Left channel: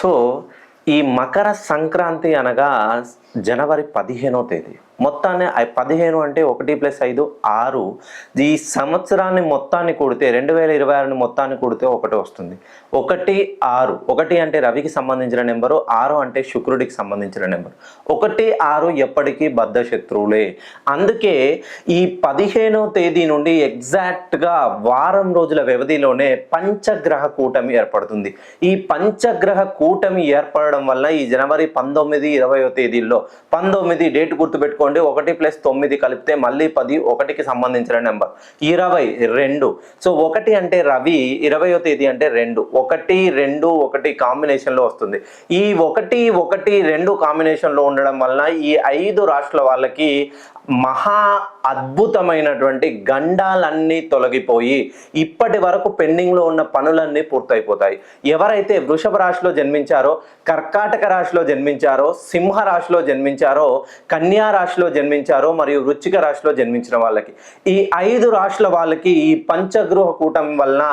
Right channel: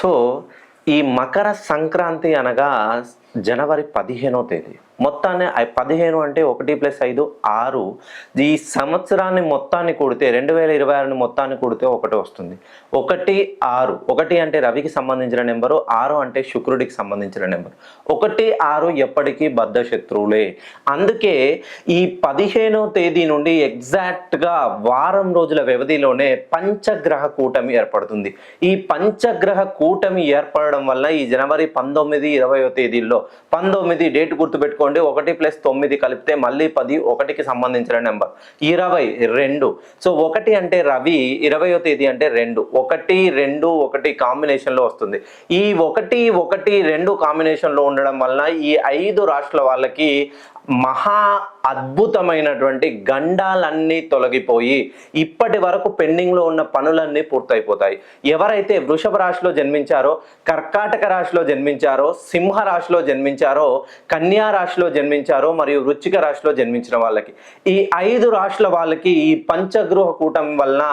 So, ఈ మకర సంక్రాంతి అనగా జనవరి 15వ తేదీ. మొత్తాన్ని 15 అంటే 1+5 6. ఈ సంవత్సరాన్ని మొత్తాన్ని కూడితే 2026ని మొత్తాన్ని కూడితే ఒకటి వస్తుంది. 1, 6. 1 అంటే రవికి సంబంధించిన నెంబరు, 6 అంటే శుక్రుడికి సంబంధించిన నెంబరు. 1, 6 ఎప్పటికీ బద్ధ శత్రువులే. అందుకే ఈ 15వ తేదీ నుండి ఎగ్జాక్ట్‌గా వారం రోజుల వ్యవధిలోనే పంచగ్రహ కూటమి ఏర్పడుతుంది. ఈ పంచగ్రహ కూటమి ఏర్పడడం వల్ల ఈ జనవరి 19, 20వ తేదీల్లో 19 డేట్ గుర్తుపెట్టుకోండి. 1+9 కలిపితే మళ్ళీ 10, 1కి సంబంధించిన నెంబర్. 22. సో 1 అంటే రవి, 20వ తేదీ అంటే 2. 1, 2, 1 కాంబినేషన్లో వస్తుంది. ఈ 1, 1, 2 కాంబినేషన్లో ఉండడం వలన ఈ 5 రాష్ట్రాల వాళ్ళకి మహా అద్భుతమైనటువంటి గండాలన్నీ తొలగిపోయి ఇప్పటి వరకు పెండింగ్లో ఉన్న పనులన్నీ పూర్తయిపోతాయి. ఎవరైతే వృషభ రాశిలో జన్మించారో, కర్కాటక రాశిలో జన్మించారో, సింహ రాశిలో జన్మించారో, కన్యా రాశిలో జన్మించారో మరియు వృశ్చిక రాశిలో జన్మించిన వాళ్ళకి, ఈ 5 రాశుల వాళ్ళకి ఈ పంచగృహ కూటమి వలన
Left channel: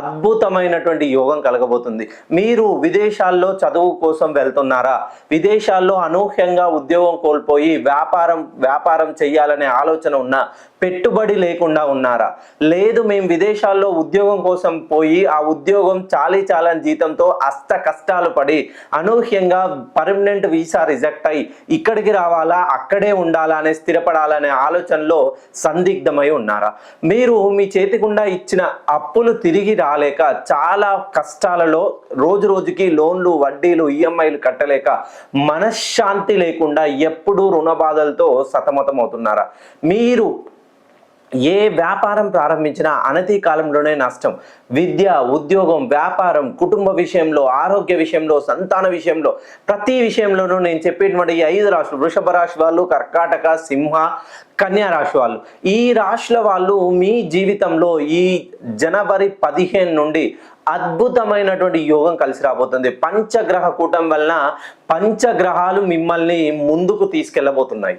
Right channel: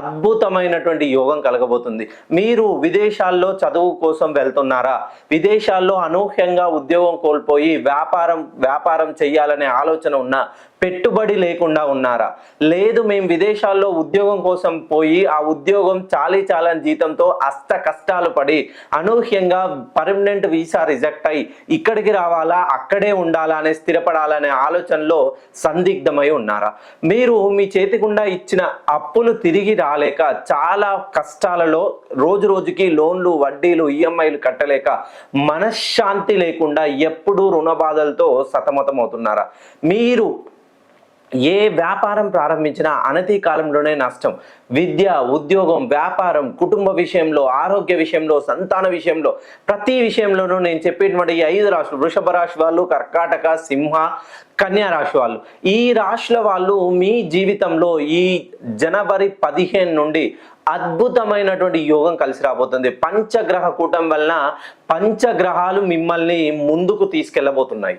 అద్భుతమైనటువంటి యోగం కలగబోతుంది. మీరు విదేశాల్లో చదువు కోసం వెళ్తున్నారా? విదేశాల్లో అనూహ్యంగా ఉద్యోగం కోల్పోయి వ్యాపారం చేయాలనే ఆలోచన ఉన్నా, పెట్టుబడి లేకుండా ఉన్నారా? లేదు, మేము విదేశాల్లో ఉద్యోగం కోసం పోయి ఆ ఉద్యోగం చాలని జీతంతో అష్ట కష్టాలు పడి అనూహ్యంగా పర్మనెంట్ వీసా రిజెక్ట్ అయి ఇక్కడికి రావాలా, అక్కడే ఉండాలా అనే స్థిరపడాలనే ఆలోచనలో సందిగ్ధమై ఉన్నారా? మీరు మీ చేతికుండా ఇచ్చిన అప్పులు తిరిగి రాలేక చాలా కష్టాలలో రోజు రోజుకి లోన్లు, వడ్డీలు, ఈఎంఐలు కట్టలేక మనశ్శాంతి లేకుండా ఎప్పుడూ రుణ బాధలతో సతమతం అవుతున్నారా? మీరు ఏ వ్యాపారం ప్రారంభించినా అనతి కాలంలోనే నష్టం. విద్య, ఉద్యోగం, వ్యాపారం, కుటుంబ విషయంలో, ఆరోగ్య విషయంలో, సంతాన విషయంలో, ప్రతి విషయంలోనూ నేను చెప్పేటువంటి ఈ 5 రాశులు, వృషభ రాశి వాళ్ళు, కర్కాటక, సింహ, కన్యా రాశి వాళ్ళు, ఈ రాశుల వాళ్ళు మీ జీవితంలో ఈ జనవరి 15 నుండి అద్భుతమైనటువంటి యోగం కలిసి రాబోతుంది. పంచగ్రహ కూటమి వలన పంచగ్రహాలు మిమ్మల్ని ముందుకు తీసుకెళ్లబోతున్నాయి.